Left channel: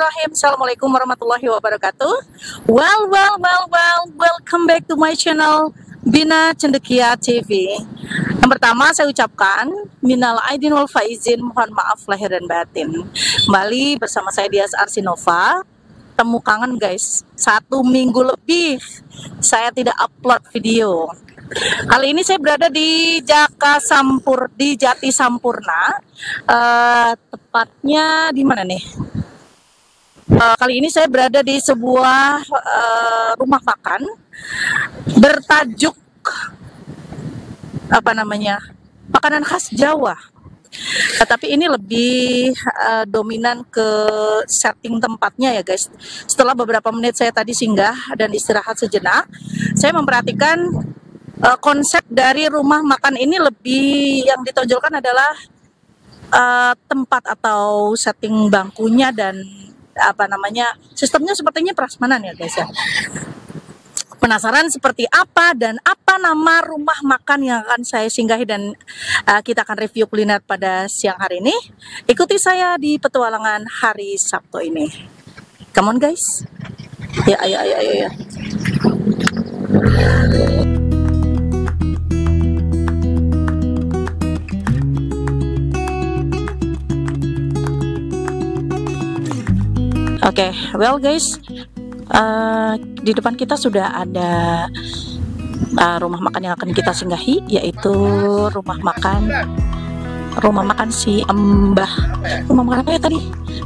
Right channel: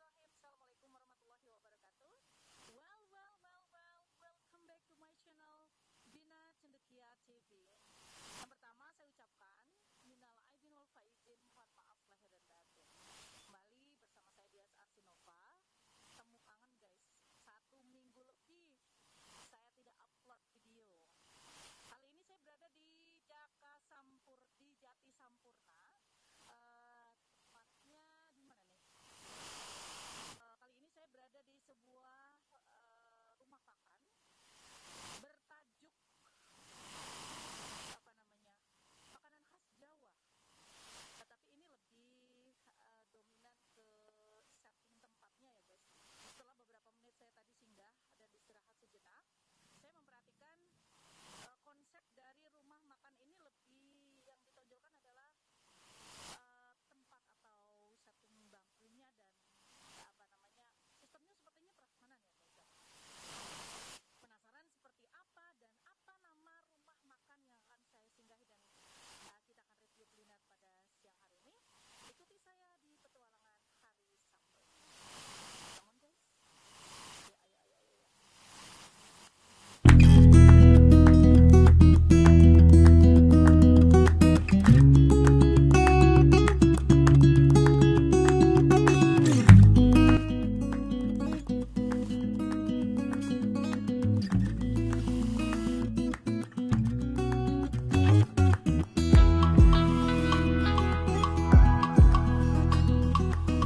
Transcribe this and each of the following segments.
Bismillahirrahmanirrahim. Assalamualaikum warahmatullahi wabarakatuh. Welcome back to my channel Bina Cendekia TV. Yang pertama saya ucapkan minal aidin wal faizin, mohon maaf lahir dan batin. Kembali bersama saya Dias Arsinova. Temu kangen guys, 1 minggu lebih saya tidak upload video. Kali ini saya berada di Jati Sampurna, tepatnya di mana nih? Kali ini saya berada di sebuah rumah makan bertajuk apa namanya, makanan khas Jawa. Tapi ini lebih dominan ke setting tempatnya ya guys. Setelah beberapa menit saya tadi singgah dan istirahat sejenak, saya memperhatikan konsep dari rumah makan ini lebih yang ditonjolkan adalah tempat atau setting bangkunya dan apa namanya, sistemnya sepertinya prasmanan ya guys ya. Penasaran seperti apa dan apa nama rumah makan yang akan saya singgahi dan kita akan review kuliner pada siang hari ini. Ikuti saya di petualangan hari Sabtu ini. Come on guys. Ya, ayo. Oke, well guys, di depan kita sudah ada rumah makan yang akan kita singgahi, yaitu rumah makan si Embah. Rumah makan apa ya tadi?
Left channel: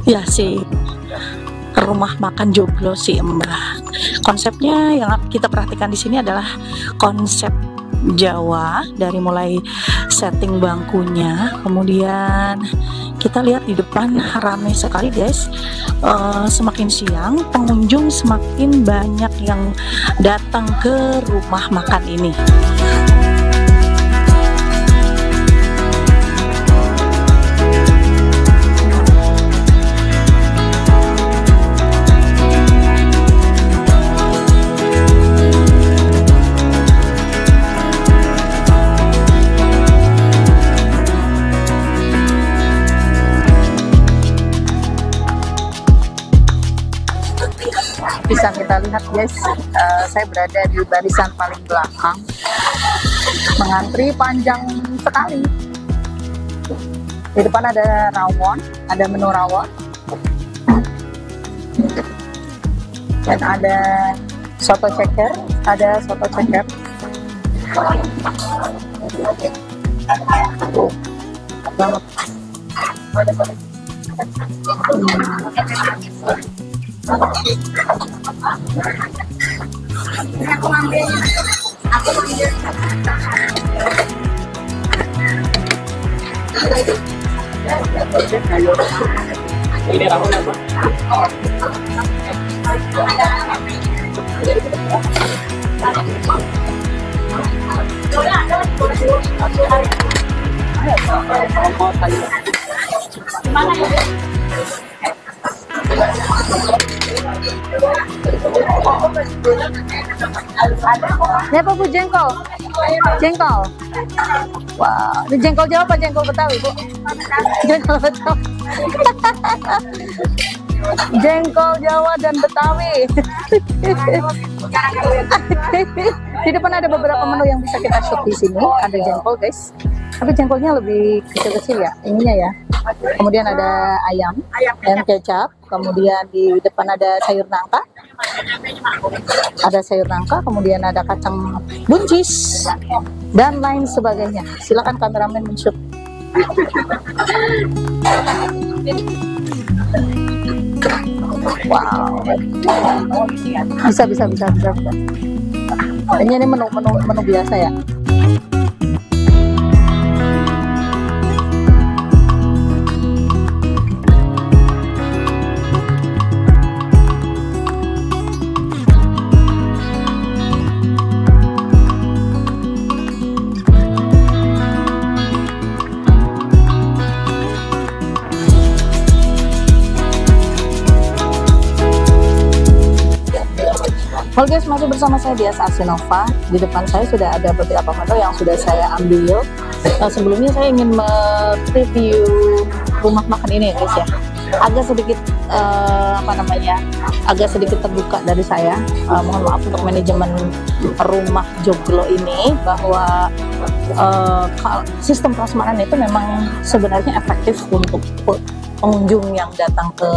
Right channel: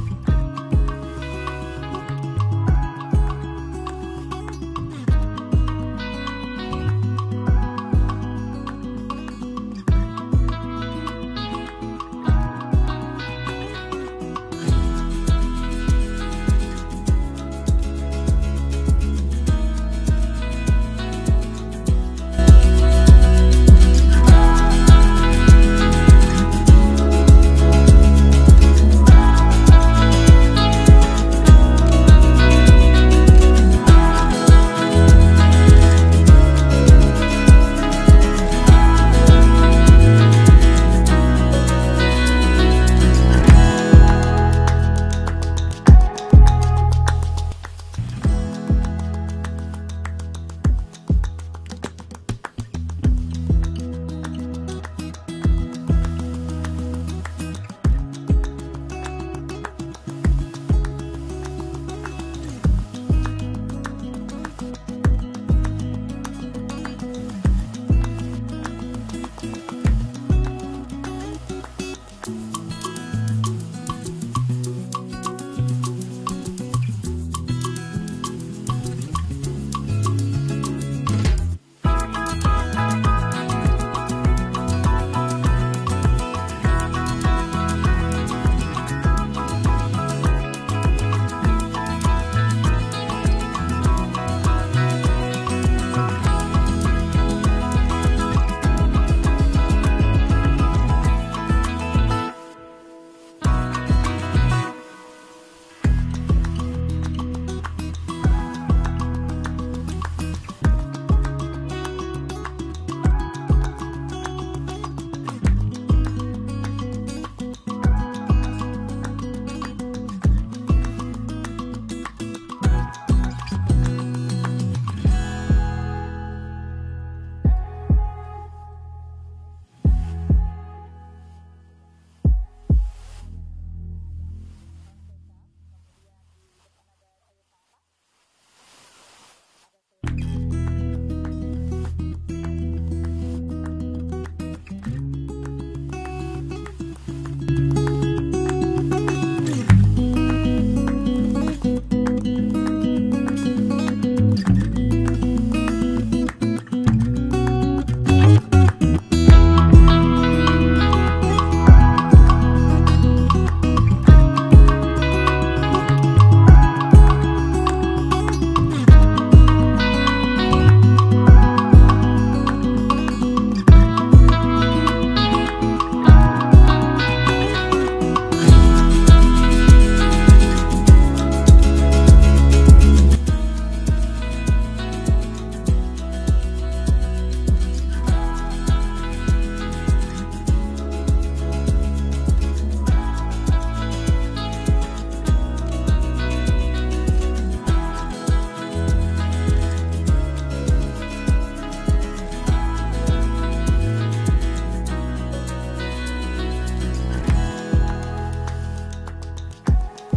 Ya, si rumah makan Joglo si Embah. Konsepnya yang kita perhatikan di sini adalah konsep Jawa, dari mulai setting bangkunya, kemudian kita lihat di depan ramai sekali guys. Semakin siang pengunjung semakin banyak yang datang ke rumah makan ini. Bisa kita lihat guys, saya berada di barisan paling belakang, mengantri panjang sekali. Di depan ada rawon, ada menu rawon, dan ada soto ceker, Ini rawon apa? Ini apa Bu? Jengkol? Jengkol? Wow, ini jengkol Jawa apa jengkol Betawi Bu? Jengkol Betawi. Jengkol Jawa dan Betawi. Di depan ada beberapa menu yang bisa kita shoot di sini. Ada jengkol guys, tapi jengkolnya lebih kecil-kecil ya, ininya ya. Kemudian ada ayam kecap. Kemudian di depan ada sayur nangka. Kemudian ada kacang buncis dan lain sebagainya. Silakan kameramen men-shoot. Wow, bisa. Ini menu biasa ya. Halo guys, masih bersama saya Dias Arsinova. Di depan saya sudah ada beberapa menu yang sudah saya ambil. Sebelumnya saya ingin mereview rumah makan ini guys ya. agak sedikit agak sedikit terbuka dari saya. Mohon maaf untuk manajemen rumah Joglo ini, bahwa sistem prasmanan itu memang sebenarnya efektif untuk pengunjung yang datang ke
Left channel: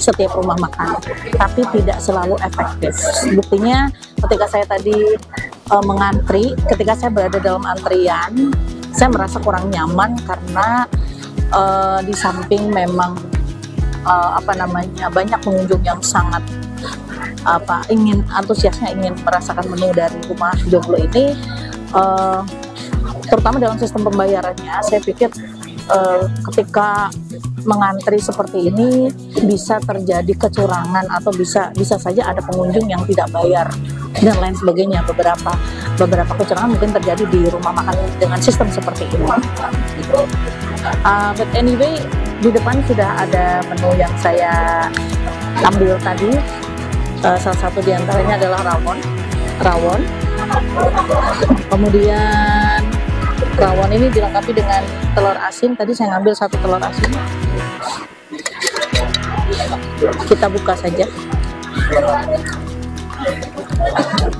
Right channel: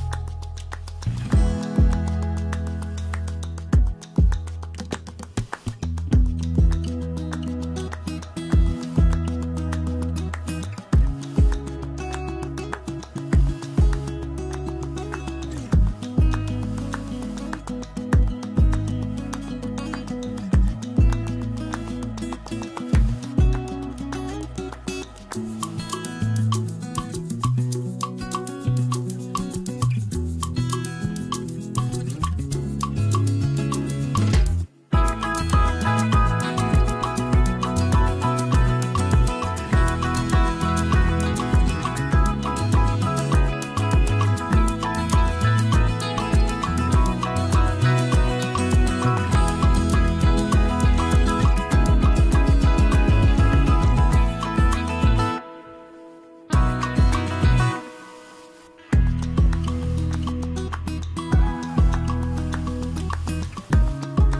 setiap rumah makan, tapi tidak selalu efektif. Buktinya ketika saya tadi mengantri, ketika saya berada dalam antrian, saya merasa kurang nyaman karena di samping memang banyak pengunjung yang sangat antusiasnya ingin merasakan menu dari rumah Joglo ini, terutama dalam sistem pembayarannya. Saya pikir ketika mengantri seperti ini bisa terjadi kecurangan, atau bisa saja ada pengunjung yang tidak bayar dan lain sebagainya. Beberapa kecurangan mungkin terjadi di rumah makan dengan sistem seperti ini. But anyway, di depan sudah ada menu yang saya ambil tadi. Salah satu di antaranya adalah rawon. Kemudian rawon ini dilengkapi dengan telur asin. Tadi saya ngambil 1 telur asin. Kita buka saja.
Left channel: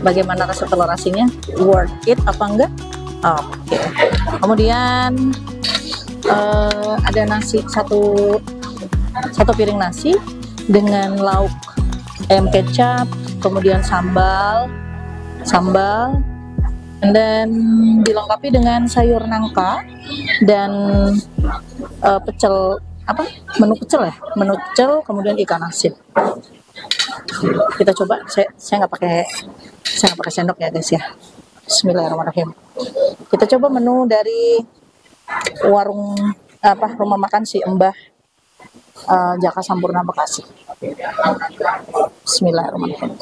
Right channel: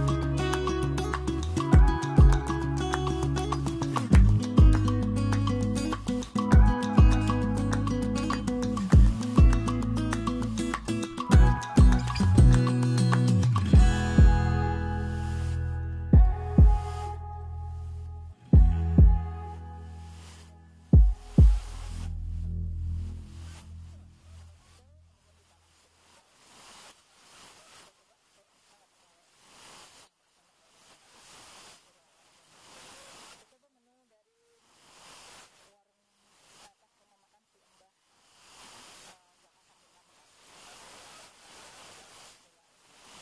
Bagaimana rasa telur asinnya? Worth it apa enggak? Oke. Kemudian ada nasi, satu piring nasi dengan lauk ayam kecap, kemudian sambal, dan dilengkapi dengan sayur nangka dan menu pecel, kemudian ikan asin. Kita coba. Saya nggak pakai sendok ya guys ya. Bismillahirrahmanirrahim. Kita coba menu dari warung rumah makan si Mbah Jaka Sampurna Bekasi. Bismillahirrahmanirrahim.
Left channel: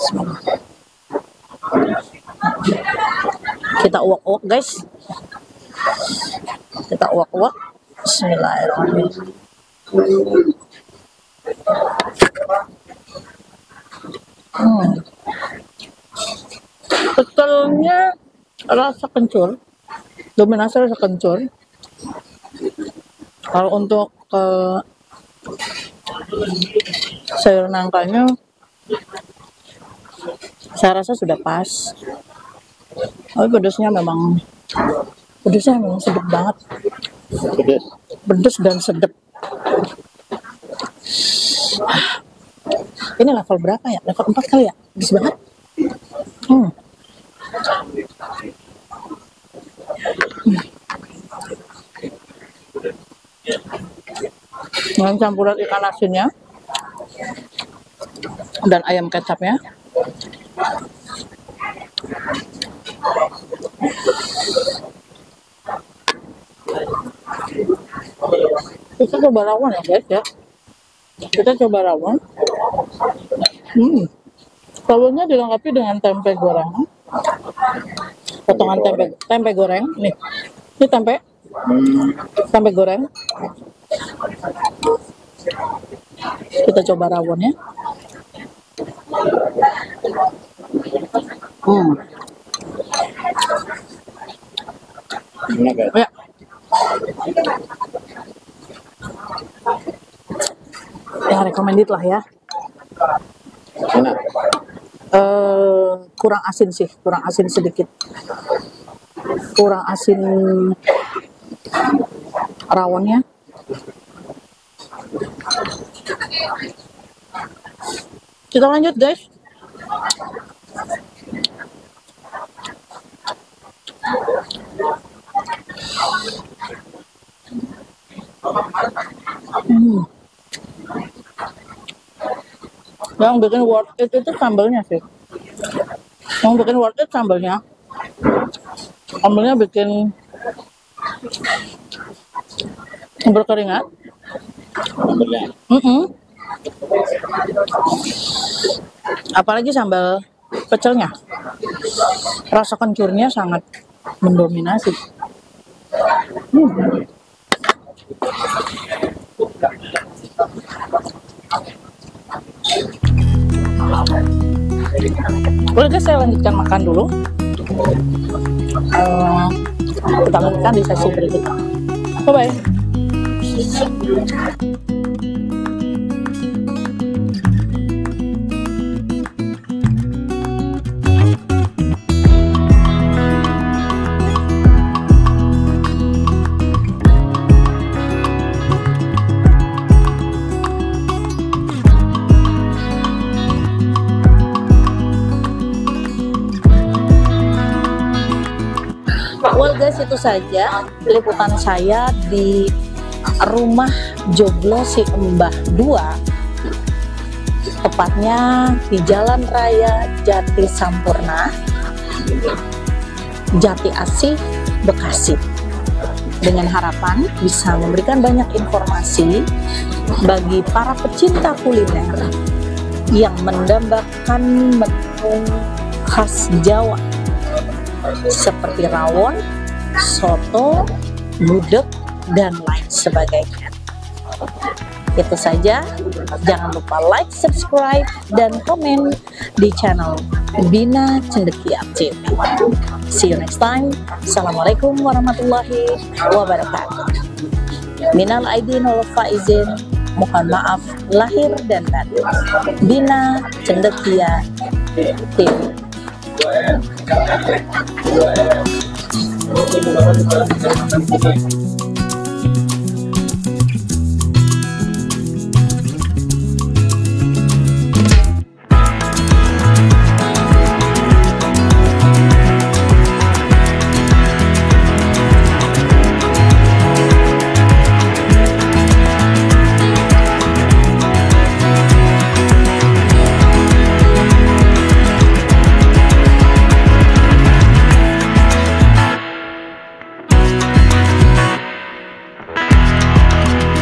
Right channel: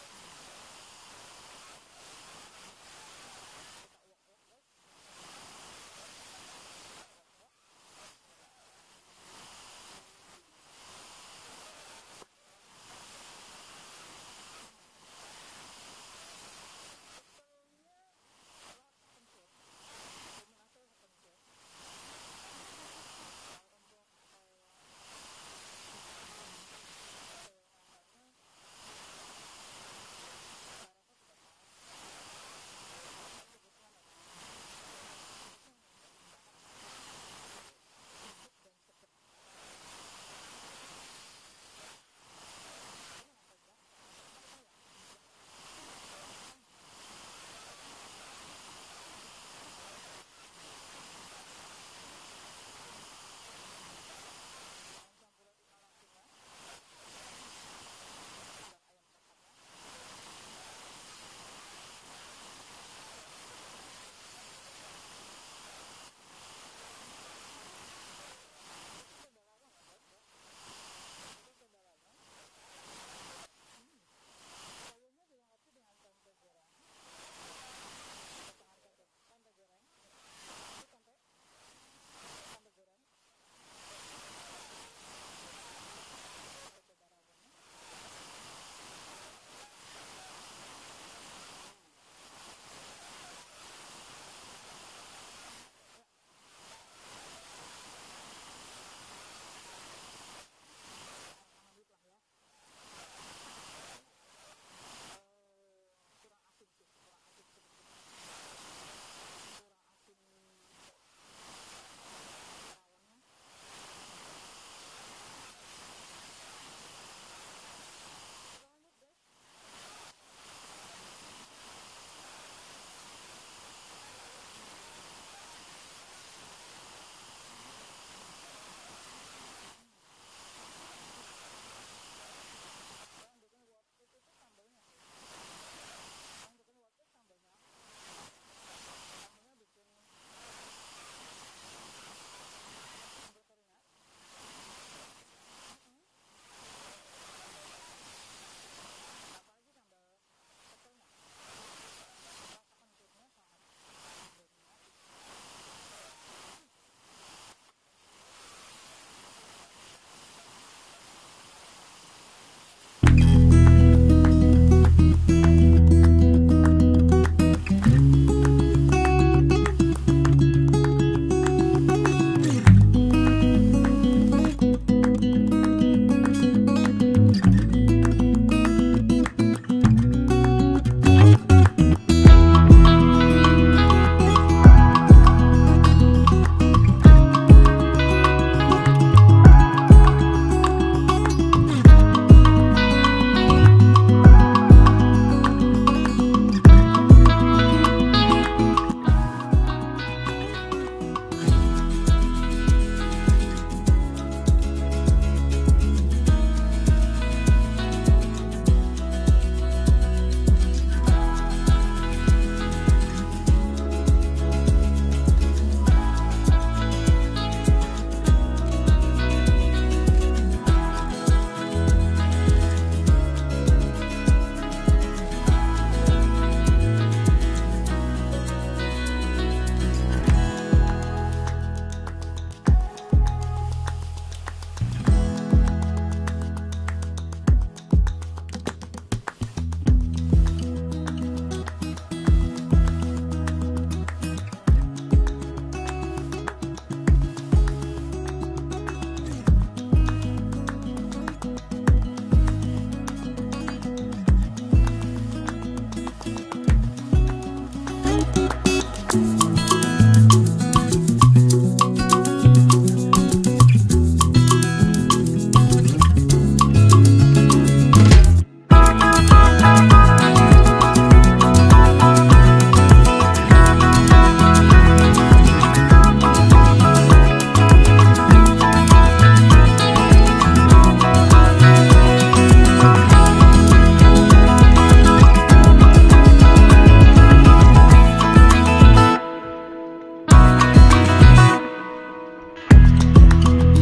Kita uak-uak guys. Bismillahirrahmanirrahim. Pecelnya rasa kencur, dominasi rasa kencur. Kalau untuk sayur nangkanya, saya rasa sudah pas. Tapi pedesnya memang sedap banget. Pedes dan sedap. Ini level berapa ya? Level 4 kali ya? Pedes banget. Dengan campuran ikan asinnya dan ayam kecapnya. Kita coba rawon ya guys ya. Rawonnya dilengkapi dengan tempe goreng, potongan tempe goreng. Ini tempe goreng. Kita coba rawonnya. Ya. Ya, recommended lah ya. Kurang asin sedikit. Kurang asin rawonnya. Kita lanjut guys. Yang bikin worth it itu sambalnya sih. Sambalnya bikin berkeringat. Apalagi sambal pecelnya, rasa kencurnya sangat mendominasi. Boleh guys, saya lanjutkan makan dulu. Kita lanjutkan di sesi berikutnya. Bye bye. guys, itu saja liputan saya di rumah Joglo Si Embah 2, tepatnya di Jalan Raya Jati Sampurna, Jati Asih, Bekasi. Dengan harapan bisa memberikan banyak informasi bagi para pecinta kuliner yang mendambakan menu khas Jawa seperti rawon, soto, gudeg, dan lain sebagainya. Itu saja, jangan lupa like, subscribe, dan komen di channel Bina Cendekia TV. See you next time. Assalamualaikum warahmatullahi wabarakatuh. Minal aidin wal faizin, mohon maaf lahir dan batin. Bina Cendekia TV.